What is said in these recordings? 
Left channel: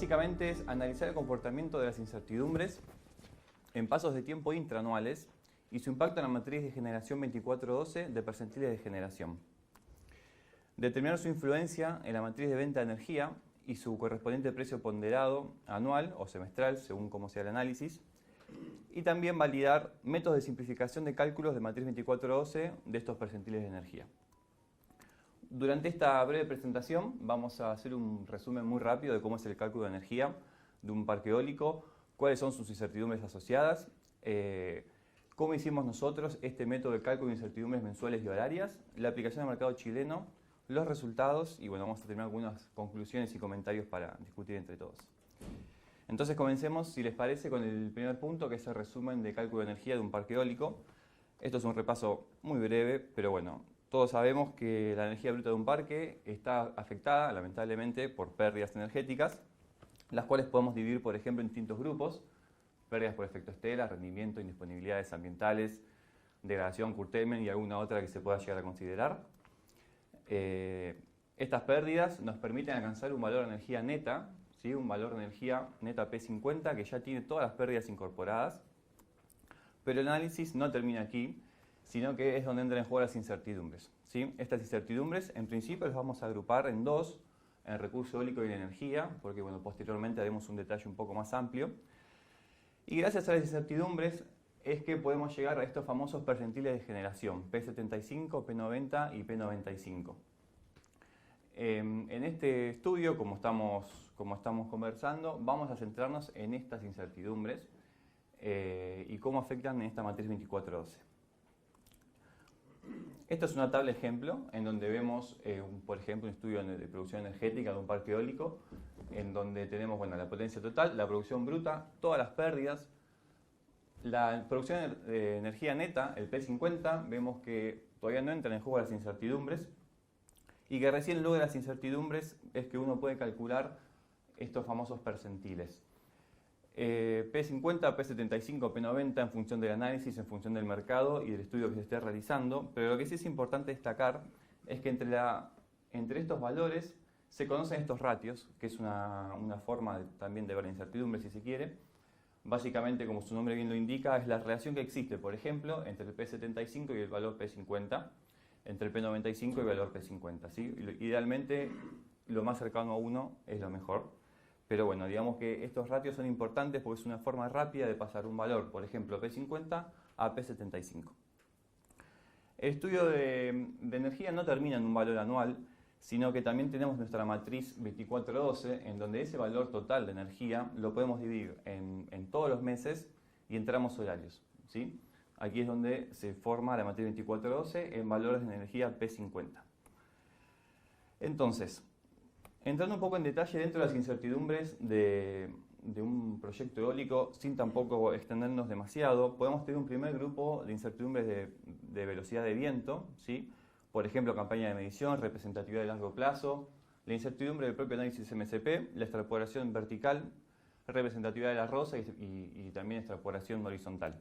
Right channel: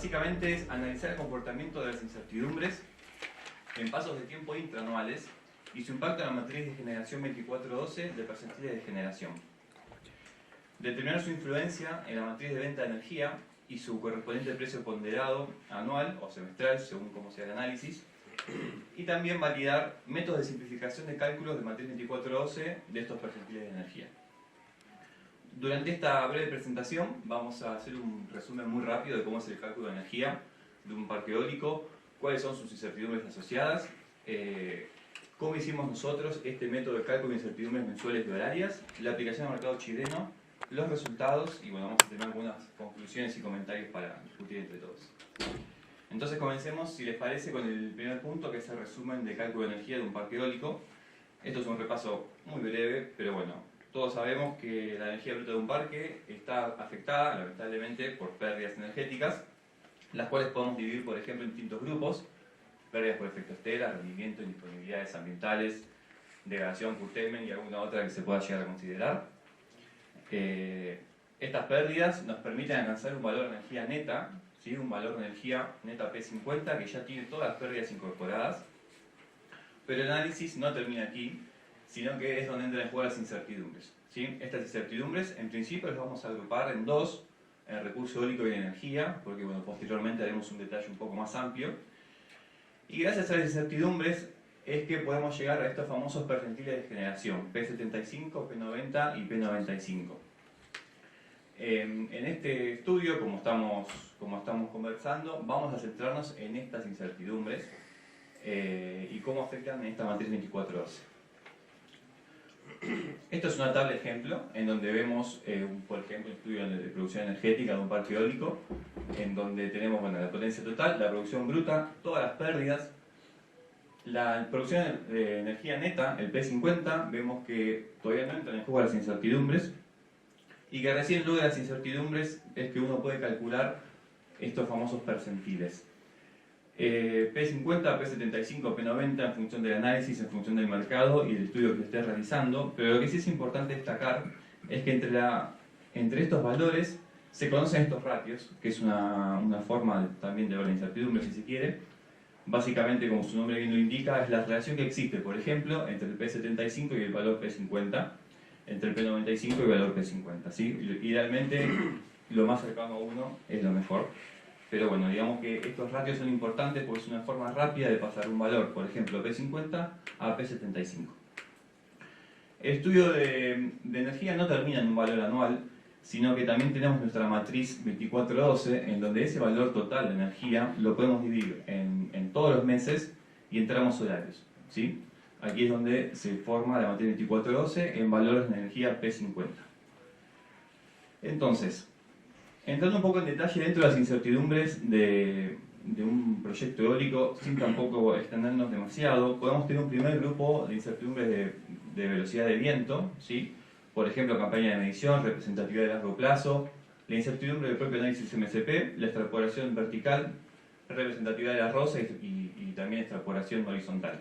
básicamente es analizar el comportamiento de las incertidumbres en pasos de tiempo intraanuales y su impacto en la matriz de generación 2412 de percentiles de generación. Determinar su influencia en la matriz de venta de energía y su correspondiente precio ponderado anual o semestral, según cómo sea el análisis. Y también validar métodos de simplificación de cálculos de matriz 2412 de estos percentiles de energía. Durante esta breve presentación vamos a hacer un resumen muy rápido de cómo es el cálculo de energía de un parque eólico, cuáles son sus incertidumbres asociadas, cómo hicimos nosotros este método de cálculo de incertidumbres mensuales y horarias, la aplicación al mercado chileno, los resultados y bueno, vamos a tener algunas conclusiones y comentarios para discutir entre todos. Entonces comencemos, si les parece, con el primer punto, que es el resumen de cálculo de energía de un parque eólico. Esto es un repaso muy breve, pero bueno, todos sabemos que la energía bruta de un parque está afectada, lamentablemente, por pérdidas energéticas, las cuales podemos dividir, por ejemplo, en distintos grupos: pérdidas por efecto estela, rendimiento, indisponibilidades ambientales, degradación, curtailment y alguna otra que se pueda llegar a considerar. Estas pérdidas nos permiten alcanzar un valor de energía neta, ¿sí? Un valor de energía neta P50 que ya tiene todas las pérdidas incorporadas, pero el análisis no termina aquí, sino que es donde entran en juego las incertidumbres, ¿sí? Estas incertidumbres, en principio, las vamos a agrupar en dos: el recurso eólico y la energía, porque bueno, posteriormente haremos un detalle un poco más amplio. Y gracias a las incertidumbres es que podemos llegar a estos famosos percentiles de generación, P75, P90 y P95. En este estudio, como estamos conversando, vamos a centrarnos en estas incertidumbres y cómo afectan en esta matriz 2412. Esto es una tabla ejemplo en donde vemos, por ejemplo, un estudio de producción energética de un parque eólico, en donde tenemos la potencia total, la producción bruta, todas las pérdidas, la producción de energía neta, el P50, vemos que todavía no entran en juego las incertidumbres y que recién luego de las incertidumbres es que uno puede calcular estos famosos percentiles. P50, P75, P90 en función del análisis, en función del mercado y del estudio que se esté realizando, pero lo que sí es importante destacar es que entre estos valores se conocen estos ratios, que es una forma también de ver la incertidumbre, si se quiere. Básicamente, como su nombre bien lo indica, es la relación que existe, por ejemplo, entre el P75 y el valor P50, entre el P95 y el valor P50, ¿sí? Idealmente, lo más cercano a 1 es lo mejor. Pero bueno, digamos que estos ratios son importantes porque es una forma rápida de pasar un valor, por ejemplo, P50 a P75. El estudio de energía no termina en un valor anual, sino que también tenemos nuestra matriz 2412, en donde ese valor total de energía lo podemos dividir en todos los meses y en tramos horarios, ¿sí? Aquí es donde se forma la matriz 2412 en valores de energía P50. Entonces, entrando un poco en detalle dentro de las incertidumbres de un proyecto eólico, sin tampoco extendernos demasiado, podemos tener un primer grupo de incertidumbres de velocidad de viento, ¿sí? Por ejemplo, campaña de medición, representatividad de largo plazo, la incertidumbre del propio análisis MCP, la extrapolación vertical, representatividad de la rosa y también extrapolación horizontal.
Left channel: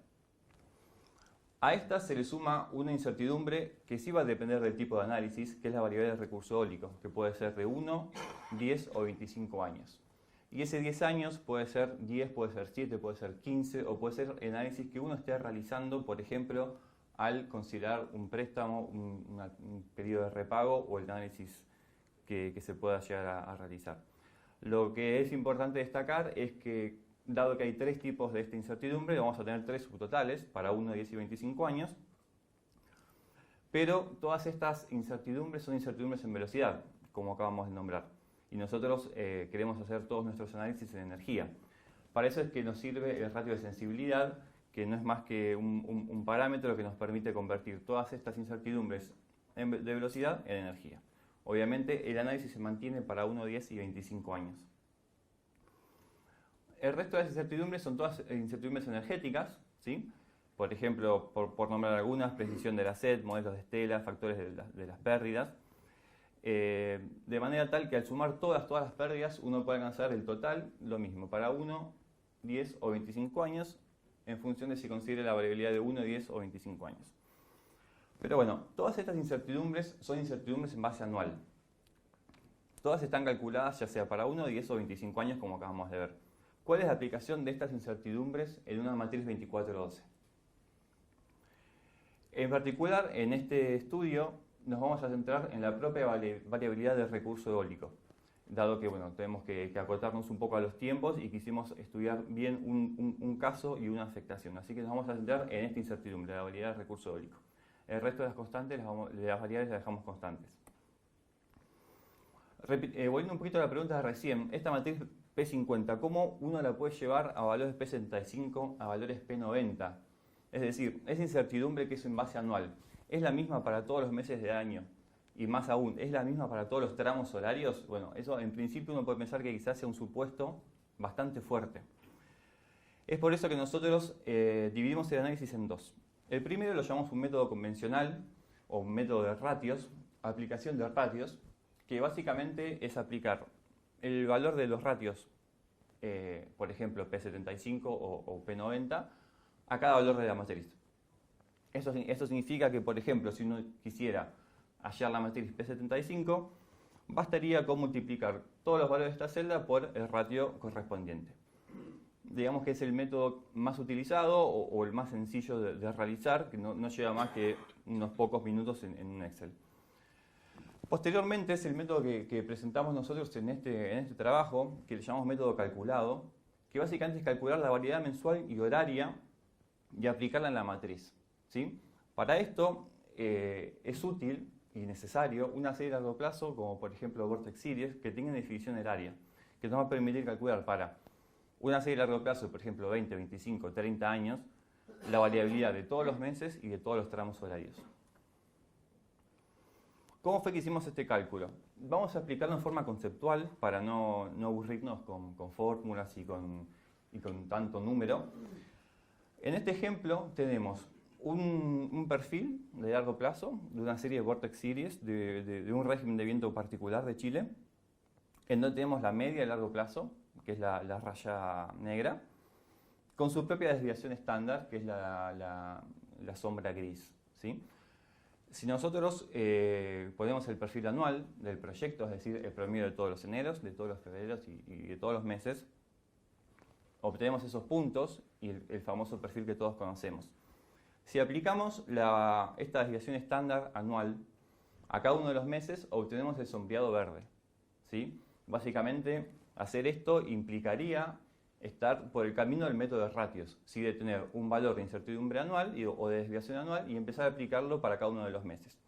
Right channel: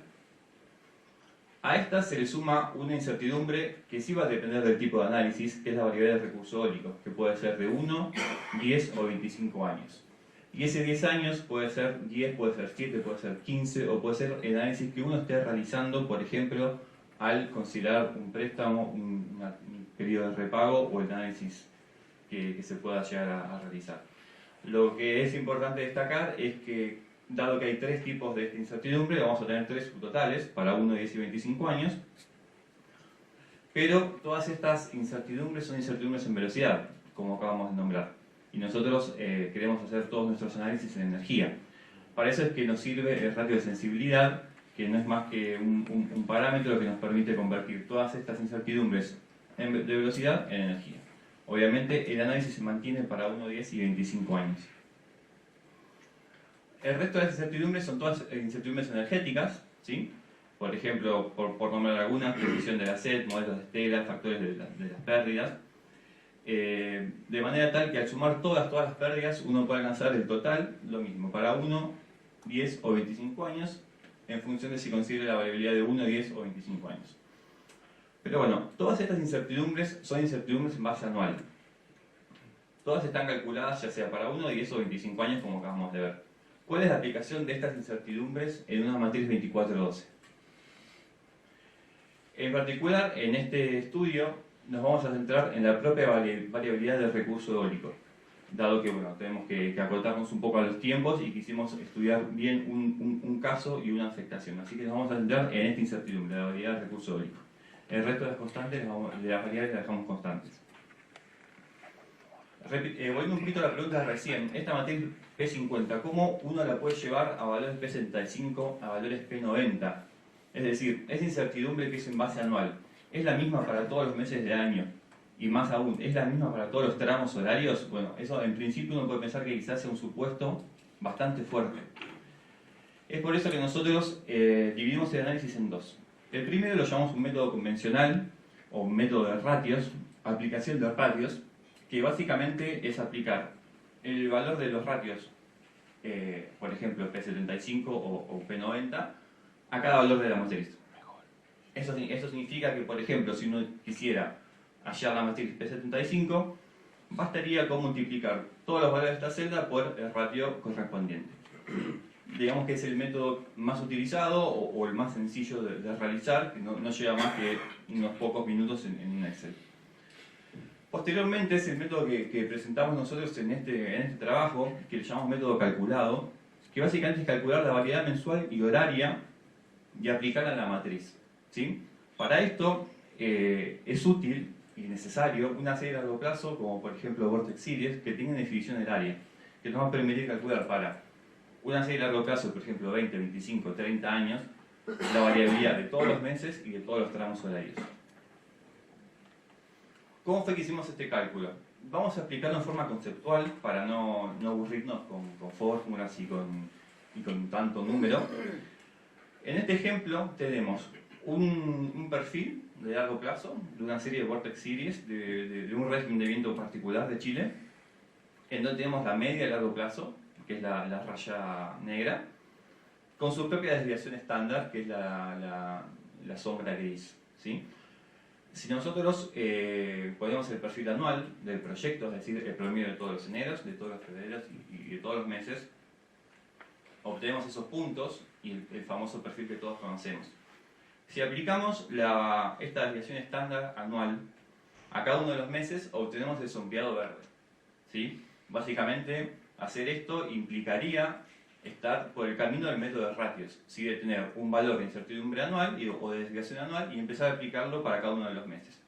A estas se le suma una incertidumbre que sí va a depender del tipo de análisis, que es la variabilidad del recurso eólico, que puede ser de 1, 10 o 25 años. Y ese 10 años puede ser 10, puede ser 7, puede ser 15, o puede ser el análisis que uno esté realizando, por ejemplo, al considerar un préstamo, un periodo de repago o el análisis que se pueda llegar a realizar. Lo que es importante destacar es que, dado que hay tres tipos de esta incertidumbre, vamos a tener tres subtotales para 1, 10 y 25 años, pero todas estas incertidumbres son incertidumbres en velocidad, como acabamos de nombrar, y nosotros queremos hacer todos nuestros análisis en energía. Para eso es que nos sirve el ratio de sensibilidad, que no es más que un parámetro que nos permite convertir todas estas incertidumbres de velocidad en energía. Obviamente el análisis se mantiene para 1, 10 y 25 años. El resto de las incertidumbres son todas incertidumbres energéticas, ¿sí? Por ejemplo, por nombrar algunas, predicción de la sed, modelos de estela, factores de las pérdidas. De manera tal que al sumar todas las pérdidas uno puede alcanzar el total, lo mismo, para 1, 10 o 25 años, en función de si considera la variabilidad de 1, 10 o 25 años. Pero bueno, todas estas incertidumbres son incertidumbres en base anual. Todas están calculadas ya sea para 1, 10 o 25 años, como acabamos de ver. ¿Cuál es la aplicación de estas incertidumbres en una matriz 24-12? En particular, en este estudio nos vamos a centrar en la propia variabilidad del recurso eólico, dado que bueno, tenemos que acotarnos un poco a los tiempos y quisimos estudiar bien un caso y una afectación. Así que nos vamos a centrar en esta incertidumbre, la variabilidad del recurso eólico. El resto de las constantes, de las variables las dejamos constantes. Volviendo un poquito a la pregunta de recién, esta matriz P50, ¿cómo uno la puede llevar a valores P75 a valores P90? Es decir, esa incertidumbre que es en base anual, ¿es la misma para todos los meses del año? Y más aún, ¿es la misma para todos los tramos horarios? Bueno, eso en principio uno puede pensar que quizás sea un supuesto bastante fuerte. Es por eso que nosotros dividimos el análisis en dos. El primero lo llamamos un método convencional, o un método de ratios, aplicación de ratios, que básicamente es aplicar el valor de los ratios, por ejemplo P75 o P90, a cada valor de la matriz. Eso significa que, por ejemplo, si uno quisiera hallar la matriz P75, bastaría con multiplicar todos los valores de esta celda por el ratio correspondiente. Digamos que es el método más utilizado o el más sencillo de realizar, que no lleva más que unos pocos minutos en un Excel. Posteriormente es el método que presentamos nosotros en este trabajo, que le llamamos método calculado, que básicamente es calcular la variedad mensual y horaria y aplicarla a la matriz, ¿sí? Para esto es útil y necesario una serie a largo plazo, como por ejemplo Vortex Series, que tiene definición del área, que nos va a permitir calcular para una serie a largo plazo, por ejemplo 20, 25, 30 años, la variabilidad de todos los meses y de todos los tramos horarios. ¿Cómo fue que hicimos este cálculo? Vamos a explicarlo en forma conceptual para no aburrirnos con fórmulas y con tanto número. En este ejemplo tenemos un perfil de largo plazo de una serie de Vortex Series de un régimen de viento particular de Chile, en donde tenemos la media de largo plazo, que es la raya negra, con su propia desviación estándar, que es la sombra gris, ¿sí? Si nosotros ponemos el perfil anual del proyecto, es decir, el promedio de todos los eneros, de todos los febreros y de todos los meses, obtenemos esos puntos y el famoso perfil que todos conocemos. Si aplicamos esta desviación estándar anual a cada uno de los meses, obtenemos el sombreado verde, ¿sí? Básicamente, hacer esto implicaría estar por el camino del método de ratios, ¿sí? De tener un valor de incertidumbre anual o de desviación anual y empezar a aplicarlo para cada uno de los meses.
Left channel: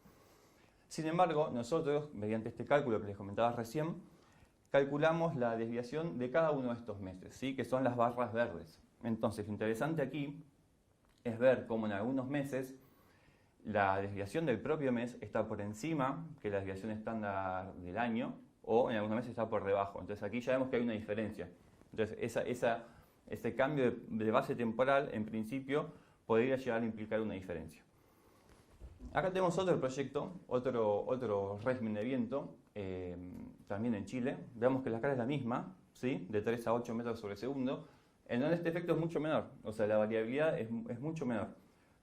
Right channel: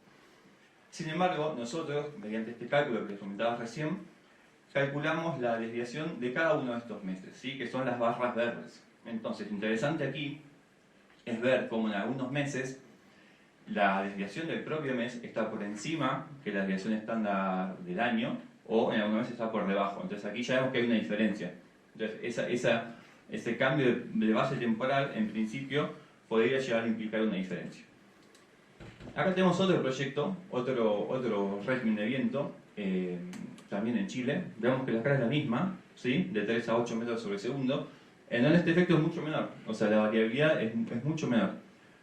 Sin embargo, nosotros, mediante este cálculo que les comentaba recién, calculamos la desviación de cada uno de estos meses, ¿sí? Que son las barras verdes. Entonces, interesante aquí es ver cómo en algunos meses la desviación del propio mes está por encima que la desviación estándar del año, o en algunos meses está por debajo. Entonces aquí ya vemos que hay una diferencia. Entonces ese cambio de base temporal, en principio, podría llegar a implicar una diferencia. Acá tenemos otro proyecto, otro régimen de viento, también en Chile. Vemos que la escala es la misma, ¿sí? De 3 a 8 metros sobre segundo, en donde este efecto es mucho menor, o sea, la variabilidad es mucho menor.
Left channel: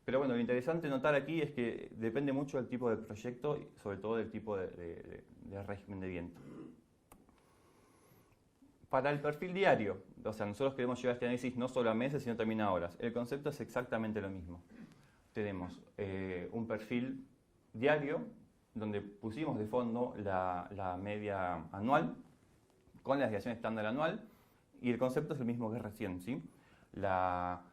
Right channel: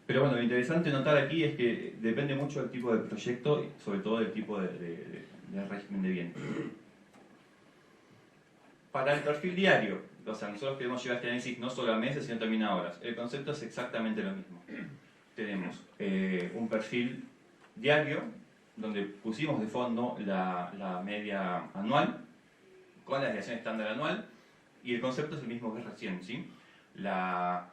Pero bueno, lo interesante notar aquí es que depende mucho del tipo de proyecto, sobre todo del tipo de régimen de viento. Para el perfil diario, o sea, nosotros queremos llevar este análisis no solo a meses, sino también a horas. El concepto es exactamente lo mismo. Tenemos un perfil diario, donde pusimos de fondo la media anual, con la desviación estándar anual, y el concepto es el mismo que recién, ¿sí? La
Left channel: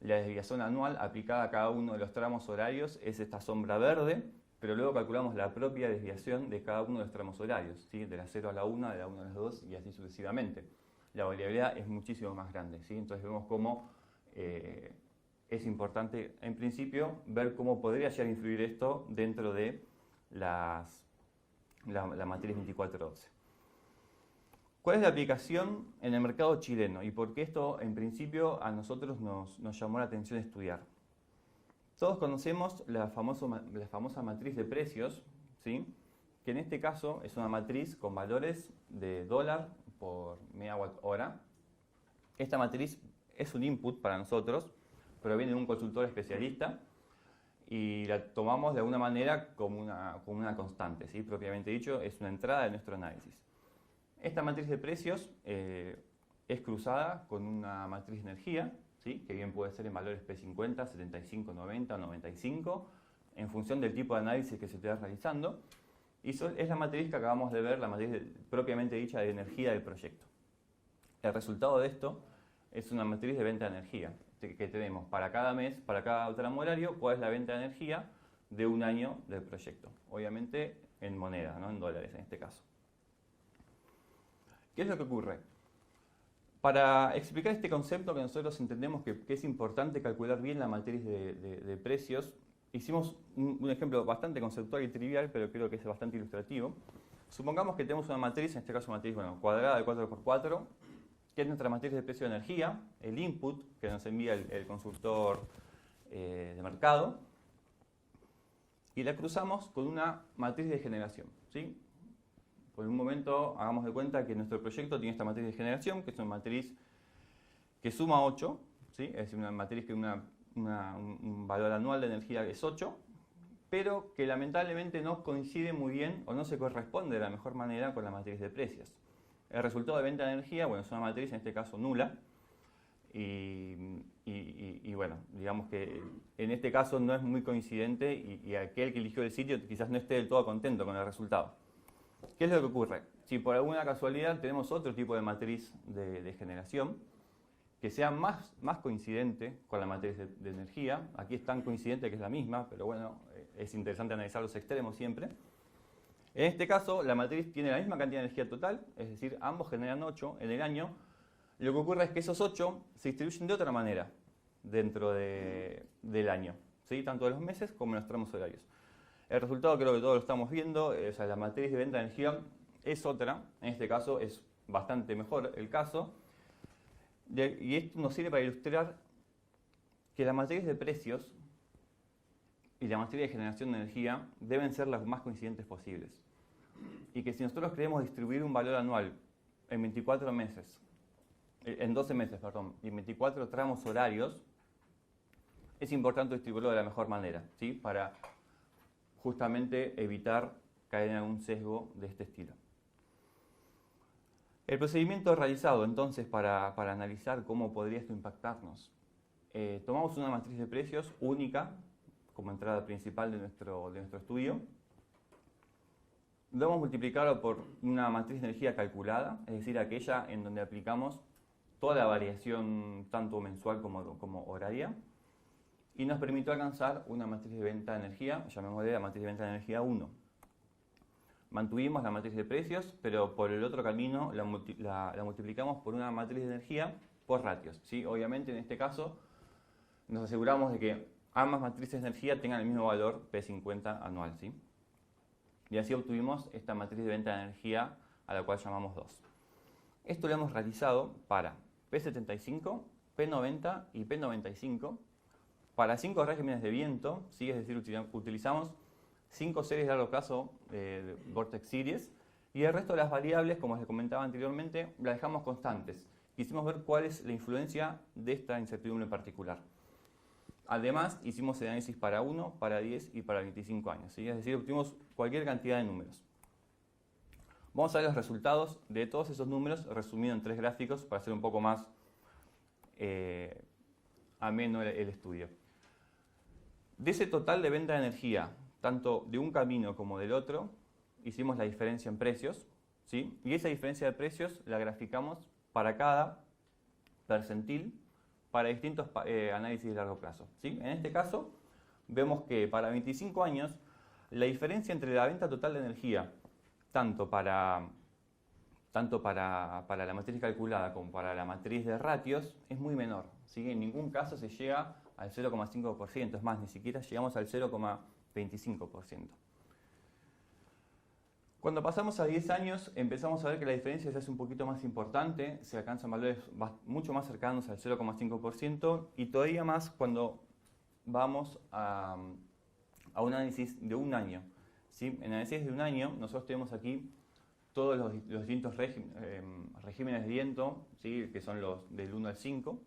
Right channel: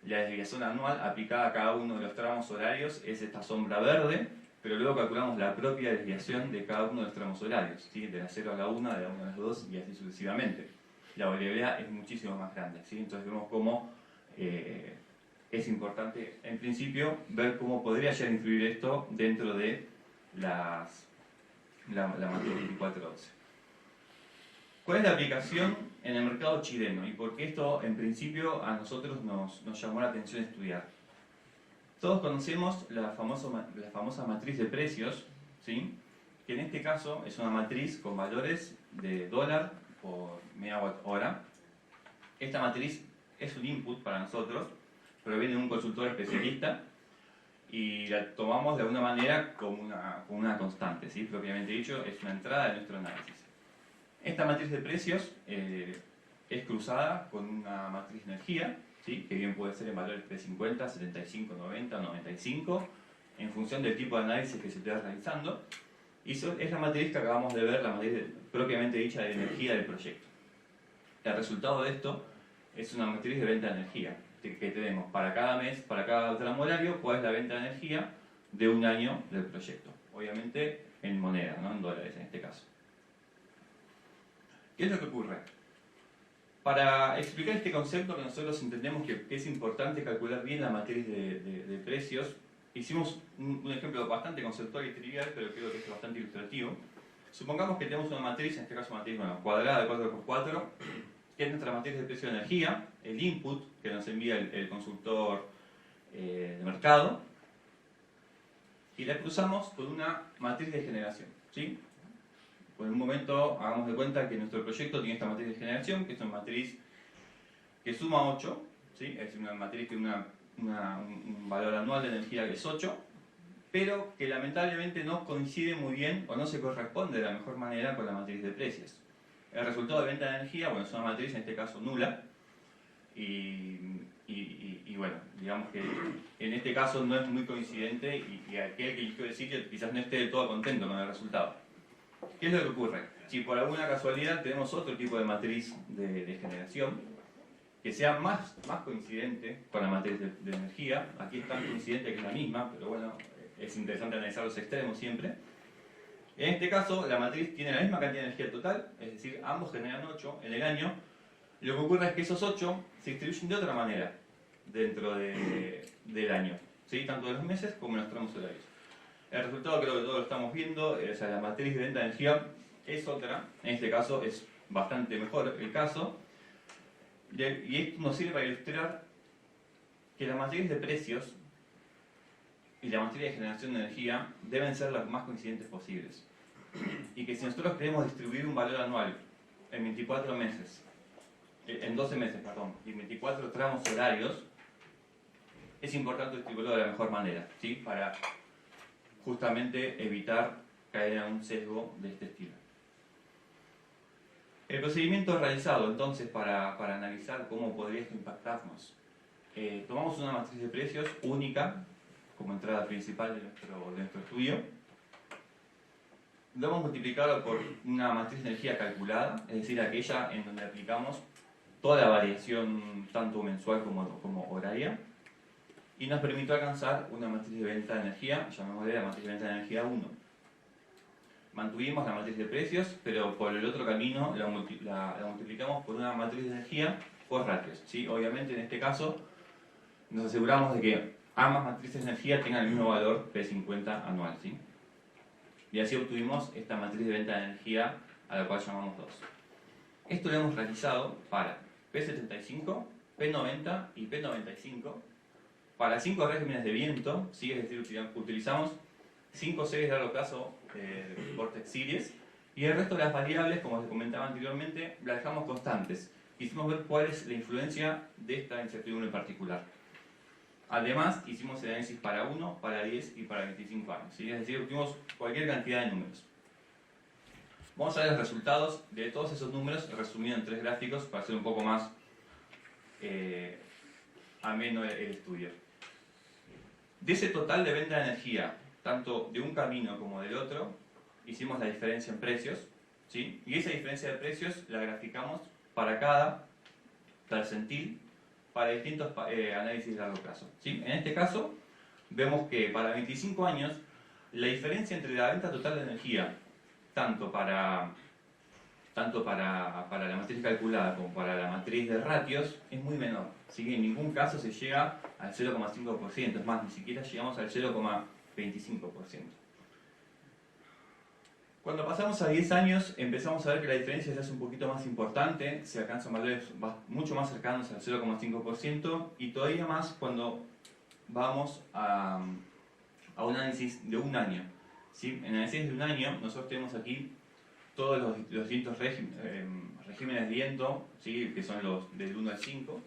desviación anual aplicada a cada uno de los tramos horarios es esta sombra verde, pero luego calculamos la propia desviación de cada uno de los tramos horarios, ¿sí? De la 0 a la 1, de la 1 a la 2 y así sucesivamente. La variabilidad es muchísimo más grande, ¿sí? Entonces vemos cómo es importante, en principio, ver cómo podría llegar a influir esto dentro de la matriz 24-12. ¿Cuál es la aplicación en el mercado chileno y por qué esto, en principio, a nosotros nos llamó la atención estudiar? Todos conocemos la famosa matriz de precios, ¿sí? Que en este caso es una matriz con valores de dólar por megawatt hora. Esta matriz es un input para nosotros, proviene de un consultor especialista y la tomamos de alguna manera como una constante, ¿sí? Propiamente dicho, es una entrada de nuestro análisis. Esta matriz de precios es cruzada con una matriz de energía, ¿sí? Que bien puede ser en valores P50, 75, 90 o 95, en función del tipo de análisis que se esté realizando. Y es la matriz que acabamos de ver, la matriz propiamente dicha de energía del proyecto. El resultado de esto es una matriz de venta de energía, que tenemos para cada mes, para cada tramo horario, cuál es la venta de energía de un año del proyecto. Obviamente en moneda, no en dólares en este caso. ¿Qué es lo que ocurre? Para explicar este concepto que nosotros entendemos que es importante calcular bien la matriz de precios, hicimos un ejemplo bastante conceptual y trivial, pero creo que es bastante ilustrativo. Supongamos que tenemos una matriz, en este caso una matriz cuadrada de 4x4, que es nuestra matriz de precio de energía, el input que nos envía el consultor de mercado, y la cruzamos con una matriz de generación, ¿sí? Por un momento hagamos de cuenta que nuestro proyecto tiene esta matriz de generación, que es una matriz que suma 8, ¿sí? Es una matriz que tiene un valor anual de energía que es 8, pero que lamentablemente no coincide muy bien o no se corresponde de la mejor manera con la matriz de precios. El resultado de venta de energía, bueno, es una matriz en este caso nula, y bueno, digamos que en este caso no es muy coincidente y aquel que eligió el sitio quizás no esté del todo contento con el resultado. ¿Qué es lo que ocurre? Si por alguna casualidad tenemos otro tipo de matriz de generación que sea más coincidente con la matriz de energía, aquí es tan coincidente que es la misma, pero bueno, es interesante analizar los extremos siempre. En este caso, la matriz tiene la misma cantidad de energía total, es decir, ambos generan 8 en el año. Lo que ocurre es que esos 8 se distribuyen de otra manera dentro del año, ¿sí? Tanto en los meses como en los tramos horarios. El resultado creo que todos lo estamos viendo, o sea, la matriz de venta de energía es otra, en este caso es bastante mejor el caso, y esto nos sirve para ilustrar que la matriz de precios y la matriz de generación de energía deben ser las más coincidentes posibles. Y que si nosotros queremos distribuir un valor anual en 24 meses, en 12 meses, perdón, y 24 tramos horarios, es importante distribuirlo de la mejor manera, ¿sí? Para justamente evitar caer en un sesgo de este estilo. El procedimiento realizado entonces para analizar cómo podría esto impactarnos. Tomamos una matriz de precios única como entrada principal de nuestro estudio. Lo hemos multiplicado por una matriz de energía calculada, es decir, aquella en donde aplicamos toda la variación tanto mensual como horaria, y nos permitió alcanzar una matriz de venta de energía, llamémosle la matriz de venta de energía 1. Mantuvimos la matriz de precios, pero por el otro camino la multiplicamos por una matriz de energía por ratios, ¿sí? Obviamente en este caso nos aseguramos de que ambas matrices de energía tengan el mismo valor P50 anual, ¿sí? Y así obtuvimos esta matriz de venta de energía a la cual llamamos 2. Esto lo hemos realizado para P75, P90 y P95 para 5 regímenes de viento, ¿sí? Es decir, utilizamos 5 series de largo plazo Vortex Series, y el resto de las variables, como les comentaba anteriormente, las dejamos constantes. Quisimos ver cuál es la influencia de esta incertidumbre en particular. Además, hicimos el análisis para 1, para 10 y para 25 años, ¿sí? Es decir, obtuvimos cualquier cantidad de números. Vamos a ver los resultados de todos esos números resumidos en 3 gráficos para hacer un poco más ameno el estudio. De ese total de venta de energía, tanto de un camino como del otro, hicimos la diferencia en precios, ¿sí? Y esa diferencia de precios la graficamos para cada percentil para distintos análisis de largo plazo, ¿sí? En este caso, vemos que para 25 años, la diferencia entre la venta total de energía, tanto para la matriz calculada como para la matriz de ratios, es muy menor, ¿sí? En ningún caso se llega al 0,5%, es más, ni siquiera llegamos al 0,25%. Cuando pasamos a 10 años empezamos a ver que la diferencia se hace un poquito más importante, se alcanzan valores mucho más cercanos al 0,5% y todavía más cuando vamos a un análisis de un año, ¿sí? En el análisis de un año nosotros tenemos aquí todos los distintos regímenes de viento, ¿sí? Que son los del 1 al 5.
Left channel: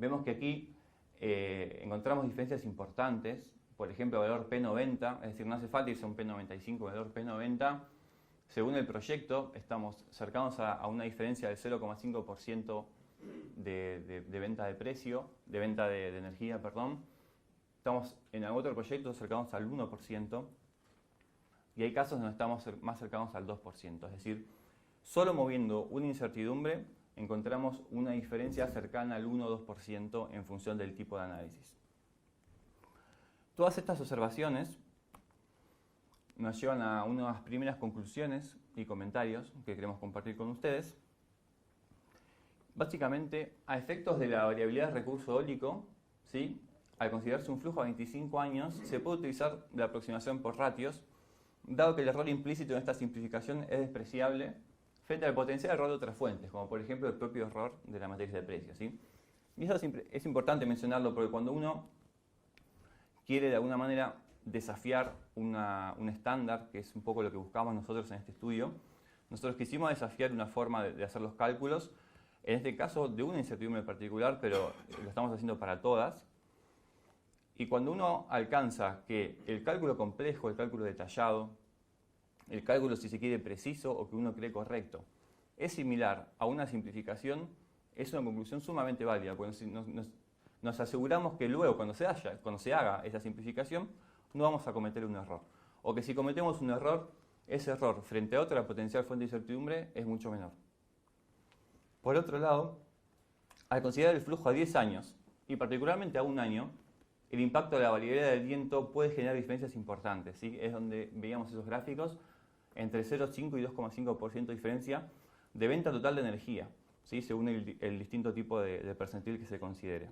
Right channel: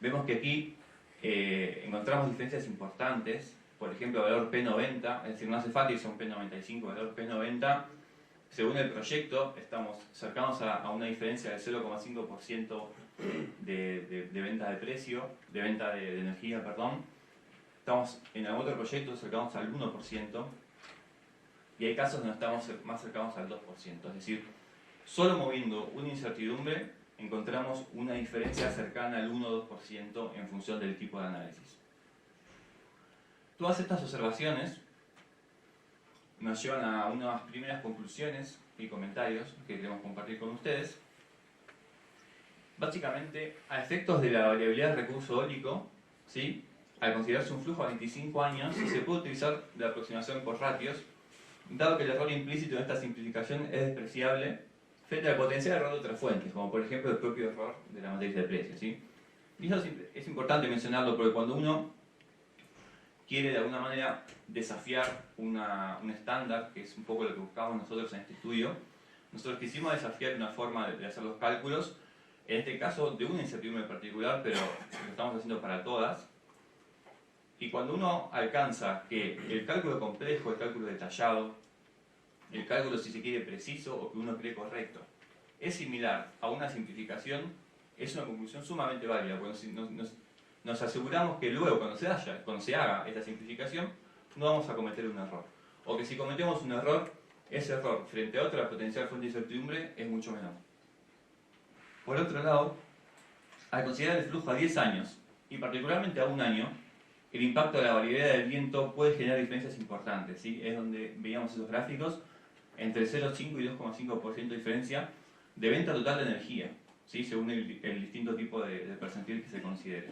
Vemos que aquí encontramos diferencias importantes. Por ejemplo, el valor P90, es decir, no hace falta que sea un P95, el valor P90 Según el proyecto, estamos cercanos a una diferencia del 0,5% de venta de precio, de venta de energía, perdón. Estamos en algún otro proyecto cercanos al 1%, y hay casos donde estamos más cercanos al 2%. Es decir, solo moviendo una incertidumbre encontramos una diferencia cercana al 1 o 2% en función del tipo de análisis. Todas estas observaciones nos llevan a unas primeras conclusiones y comentarios que queremos compartir con ustedes. Básicamente, a efectos de la variabilidad del recurso eólico, ¿sí?, al considerarse un flujo a 25 años, se puede utilizar la aproximación por ratios, dado que el error implícito en esta simplificación es despreciable frente al potencial error de otras fuentes, como por ejemplo el propio error de la matriz de precios, ¿sí? Y eso es importante mencionarlo porque cuando uno quiere de alguna manera desafiar un estándar, que es un poco lo que buscamos nosotros en este estudio, nosotros quisimos desafiar una forma de hacer los cálculos, en este caso de una incertidumbre particular, pero lo estamos haciendo para todas. Y cuando uno alcanza que el cálculo complejo, el cálculo detallado, el cálculo, si se quiere, preciso o que uno cree correcto, es similar a una simplificación, es una conclusión sumamente válida, porque nos aseguramos que luego, cuando se haga esta simplificación, no vamos a cometer un error. O que si cometemos un error, ese error frente a otra potencial fuente de incertidumbre es mucho menor. Por otro lado, al considerar el flujo a 10 años, y particularmente a un año, el impacto de la variabilidad del viento puede generar diferencias importantes, ¿sí? Es donde veíamos esos gráficos, entre 0,5 y 2,5% de diferencia de venta total de energía, ¿sí?, según el distinto tipo de percentil que se considere.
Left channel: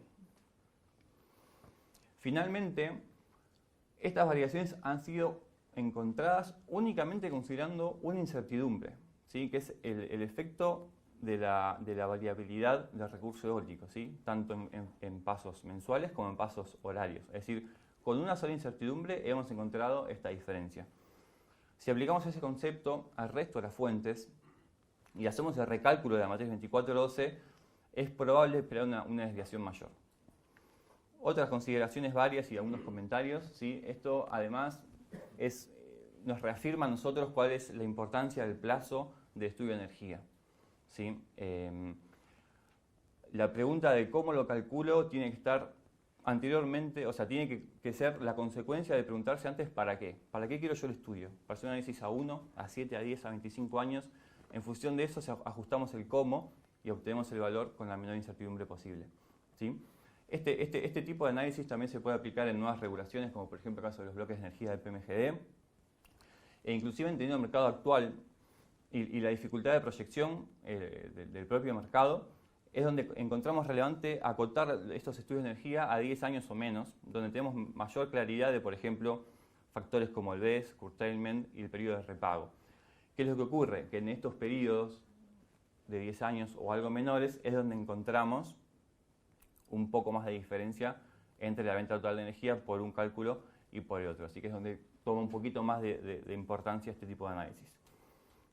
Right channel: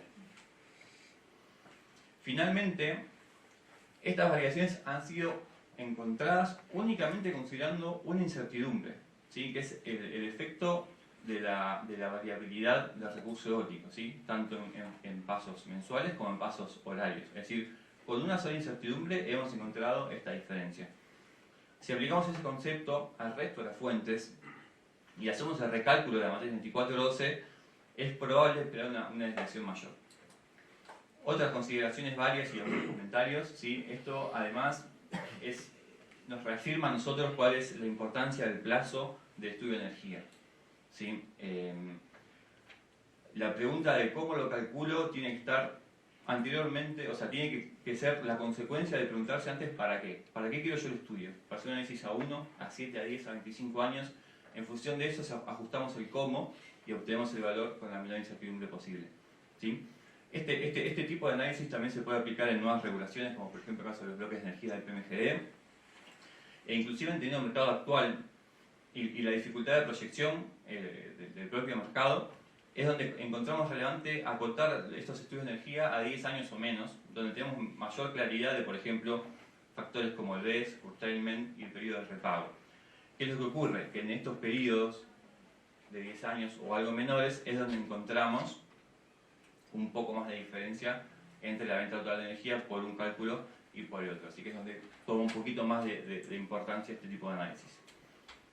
Finalmente, estas variaciones han sido encontradas únicamente considerando una incertidumbre, ¿sí?, que es el efecto de la variabilidad del recurso eólico, ¿sí?, tanto en pasos mensuales como en pasos horarios. Es decir, con una sola incertidumbre hemos encontrado esta diferencia. Si aplicamos ese concepto al resto de las fuentes y hacemos el recálculo de la matriz 2412, es probable esperar una desviación mayor. Otras consideraciones varias y algunos comentarios, ¿sí? Esto además nos reafirma a nosotros cuál es la importancia del plazo de estudio de energía, ¿sí? La pregunta de cómo lo calculo tiene que estar anteriormente, o sea, tiene que ser la consecuencia de preguntarse antes ¿para qué? ¿Para qué quiero yo el estudio? Para hacer un análisis a 1, a 7, a 10, a 25 años. En función de eso ajustamos el cómo y obtenemos el valor con la menor incertidumbre posible, ¿sí? Este tipo de análisis también se puede aplicar en nuevas regulaciones, como por ejemplo el caso de los bloques de energía del PMGD, e inclusive entendiendo el mercado actual y la dificultad de proyección del propio mercado, es donde encontramos relevante acotar estos estudios de energía a 10 años o menos, donde tenemos mayor claridad de, por ejemplo, factores como el BES, curtailment y el periodo de repago. ¿Qué es lo que ocurre? Que en estos periodos de 10 años o algo menores es donde encontramos un poco más de diferencia entre la venta total de energía por un cálculo y por el otro. Así que es donde toma un poquito más de importancia este tipo de análisis.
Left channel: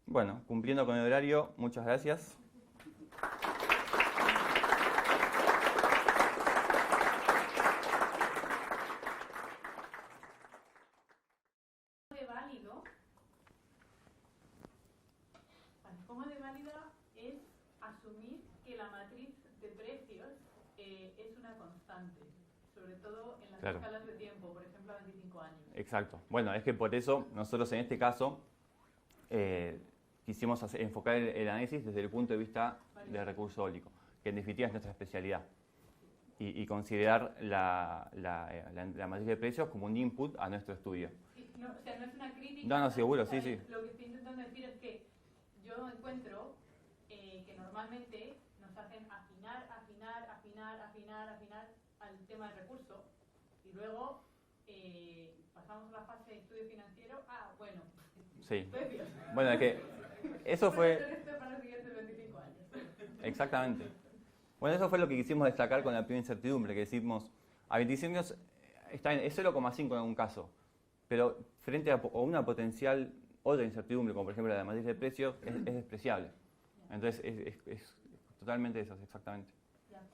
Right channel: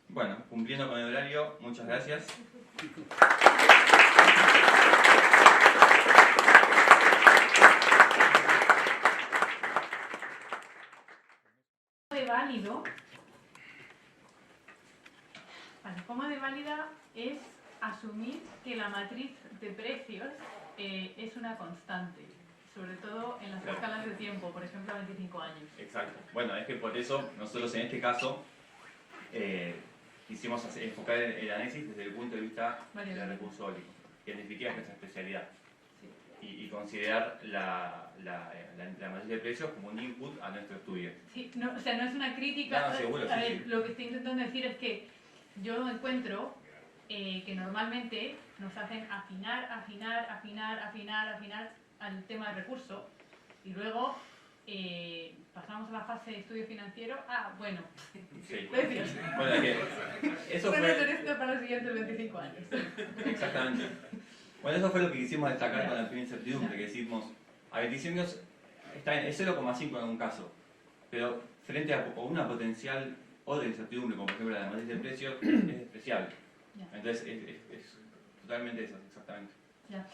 Bueno, cumpliendo con el horario, muchas gracias. De válido, ¿cómo de válida es asumir que la matriz de precios es una constante? Sobre todo en las escalas de tiempo, por ejemplo, a 25 años. Exacto. Bueno, es que por eso nosotros en este caso quisimos enfocar el análisis desde el punto de vista del recurso eólico, que en definitiva es nuestra especialidad. Y considerar la matriz de precios como un input a nuestro estudio. Sí, no, o sea, no es una crítica. No, seguro, sí, sí. Lo que estoy intentando decir es que yo encuentro que normalmente nos hacen afinar al tema del recurso y luego pasamos a la fase de estudio financiero. Bueno, sí. Precios. Bueno, que eso fue... esto para los siguientes 25 años. Exactamente. Bueno, eso fue lo que quisimos destacar con la primera incertidumbre, que decimos, a 25 años está en 0,5 en algún caso, pero frente a una potencial otra incertidumbre, como por ejemplo la matriz de precios, es despreciable. Entonces es totalmente eso, exactamente. Ya.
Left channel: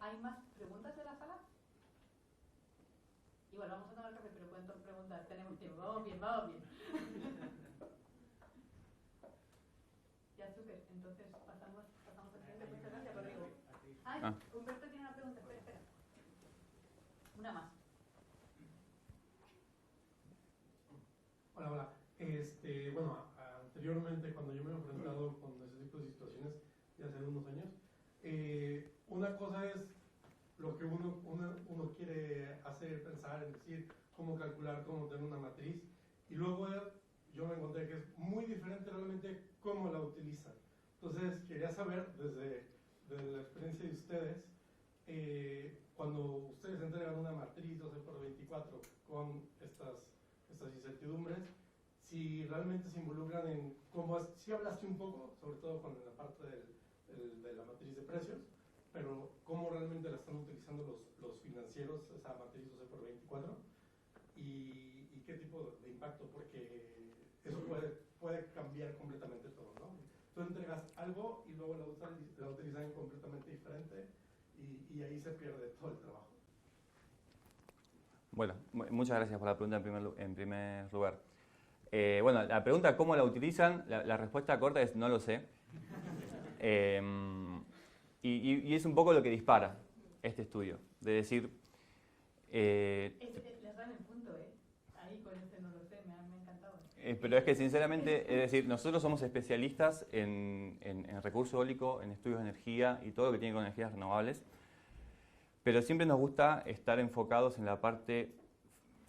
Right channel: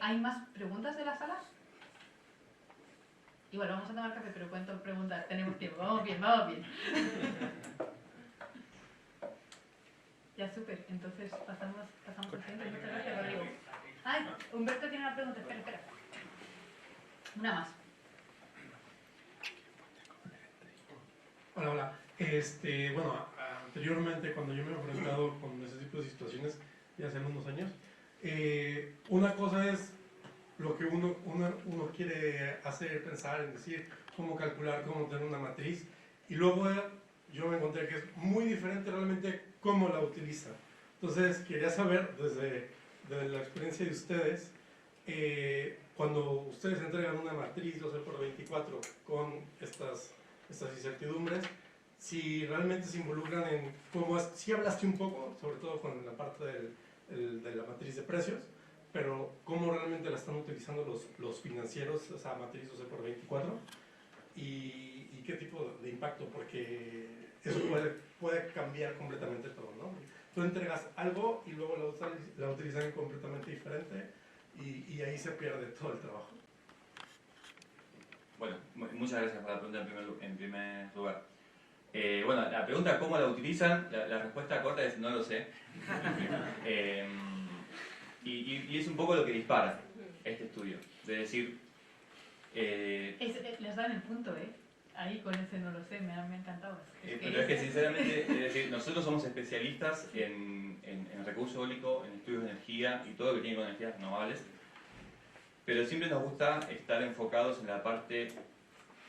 ¿Hay más preguntas de la sala? Igual vamos a tomar café, pero ¿cuántas preguntas? Tenemos tiempo. Vamos bien. Ya, súper. Entonces pasamos al siguiente. Muchas gracias, Rodrigo. Ay, Humberto tiene una pregunta. Espera. Una más. Hola. Bueno, anteriormente cuando yo me he enfrentado con ese tipo de situaciones, ya hace unos años, una cosa es lo que uno quiere hacer, pensar, en decir, cómo calcular, cómo tener una matriz, y luego yo me encontré que es muy diferente realmente cómo la utiliza. Entonces quería saber desde la experiencia de ustedes, cuando ustedes entregan una matriz 12×24 con estas incertidumbres, si realmente se involucran en cómo es, sí hablaste un poco, sobre todo con la parte de la matriz de precios, pero cómo realmente la están utilizando los financieros, esa matriz 12×24, y qué tipo de impacto, porque eso puede cambiar completamente todo, ¿no? Tú entregas algo y luego la utilizan completamente diferente, y ahí se pierde todo el trabajo. Bueno, muchas gracias por la pregunta en primer lugar. Bueno, la pregunta cómo la utilizan, la respuesta corta es no lo sé. Y es un poco lo que dispara este estudio. De decir... les dan el punto, ahí con ese no lo sé, me ha encantado. Pero es que sinceramente, es decir, nosotros somos especialistas en recurso eólico, en estudios de energía y todo lo que tiene con energías renovables. Pero siempre nos gusta estar enfocados en la parte,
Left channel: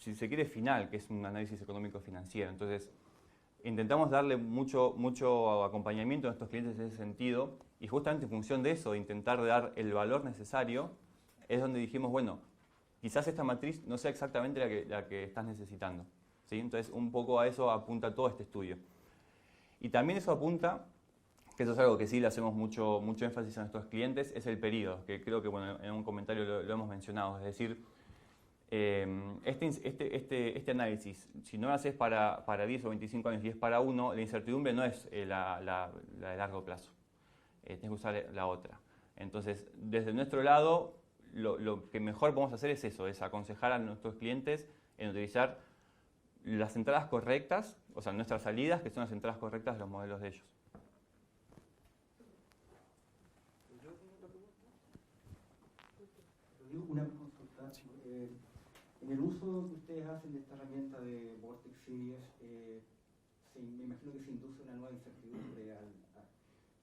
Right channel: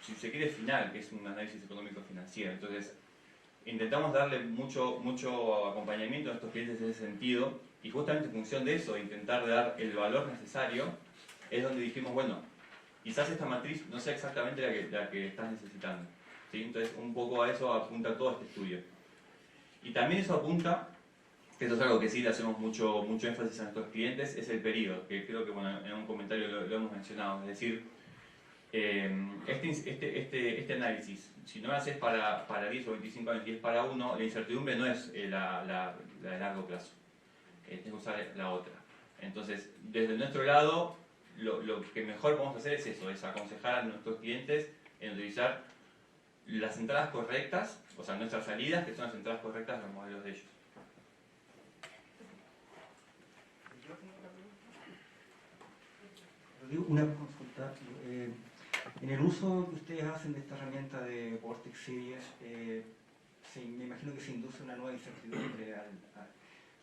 si se quiere, final, que es un análisis económico financiero. Entonces, intentamos darle mucho acompañamiento a nuestros clientes en ese sentido, y justamente en función de eso, de intentar dar el valor necesario, es donde dijimos, bueno, quizás esta matriz no sea exactamente la que estás necesitando, ¿sí? Entonces, un poco a eso apunta todo este estudio. Y también eso apunta, que eso es algo que sí le hacemos mucho énfasis a nuestros clientes, es el periodo, que creo que bueno, en un comentario lo hemos mencionado. Es decir, este análisis, si no lo haces para 10 o 25 años y es para uno, la incertidumbre no es la de largo plazo. Tienes que usar la otra. Entonces, desde nuestro lado, lo que mejor podemos hacer es eso, es aconsejar a nuestros clientes en utilizar las entradas correctas, o sea, nuestras salidas, que son las entradas correctas de los modelos de ellos. Una consulta. En el uso que ustedes hacen de esta herramienta de Vortex Series, me imagino que se induce una nueva incertidumbre.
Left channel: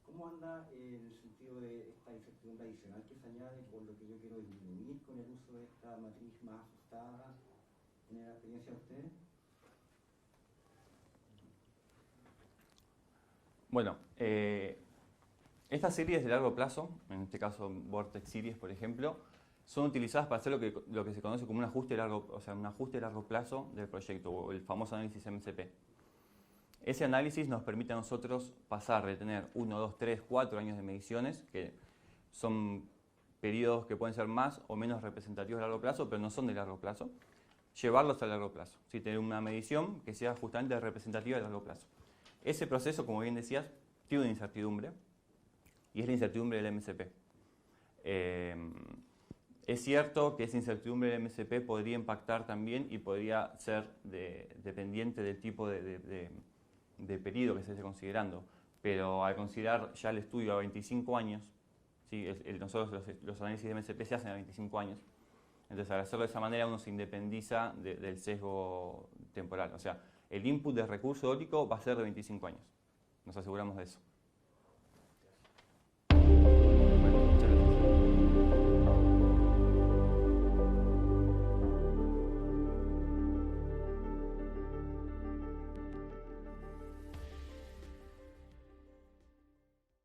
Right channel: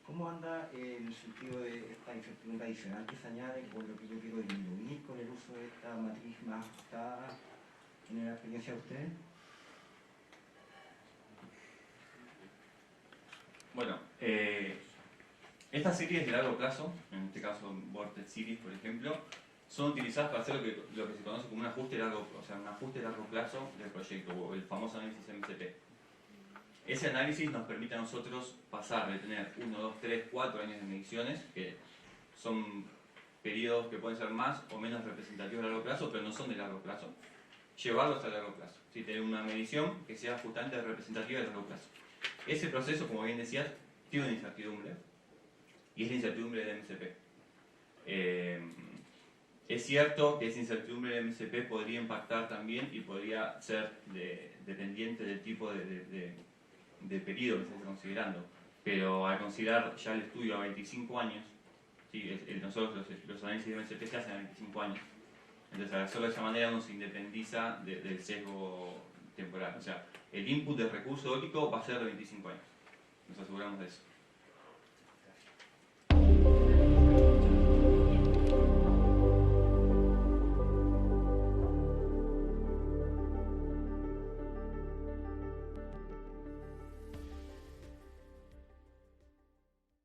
¿Cómo anda en el sentido de esta incertidumbre adicional que se añade con lo que yo quiero disminuir con el uso de esta matriz más ajustada en la experiencia de ustedes? Bueno, estas series de largo plazo, en este caso Vortex Series por ejemplo, son utilizadas para hacer lo que se conoce como un ajuste largo plazo del proyecto, o el famoso análisis MCP. Ese análisis nos permite a nosotros pasar de tener 1, 2, 3, 4 años de mediciones, que son periodos que pueden ser más o menos representativos de largo plazo, pero no son de largo plazo, llevarlos a largo plazo. ¿Sí? Tener una medición que sea justamente representativa de largo plazo. Ese proceso, como bien decías, tiene una incertidumbre, y es la incertidumbre del MCP. Es cierto que esa incertidumbre del MCP podría impactar también y podría ser dependiente del tipo de periodo que se esté considerando, pero al considerar ya el estudio a 25 años, ¿sí? Nosotros los análisis de MCP se hacen a 25 años, entonces al hacerlo de esa manera uno se independiza del sesgo temporal, o sea, el input del recurso eólico va a ser de 25 años, nos aseguramos de eso.